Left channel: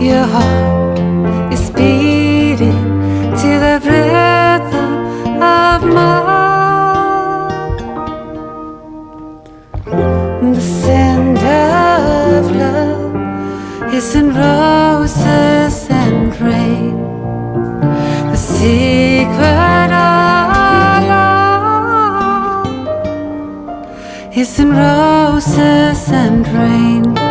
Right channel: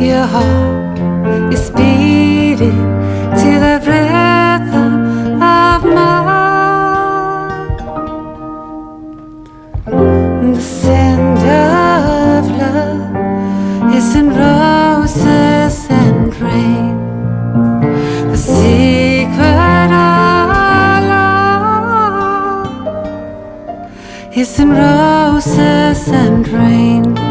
Your heart is beating to the rhythm of mine. The scent of love is in roses and rain. The secret of love is in roses and rain.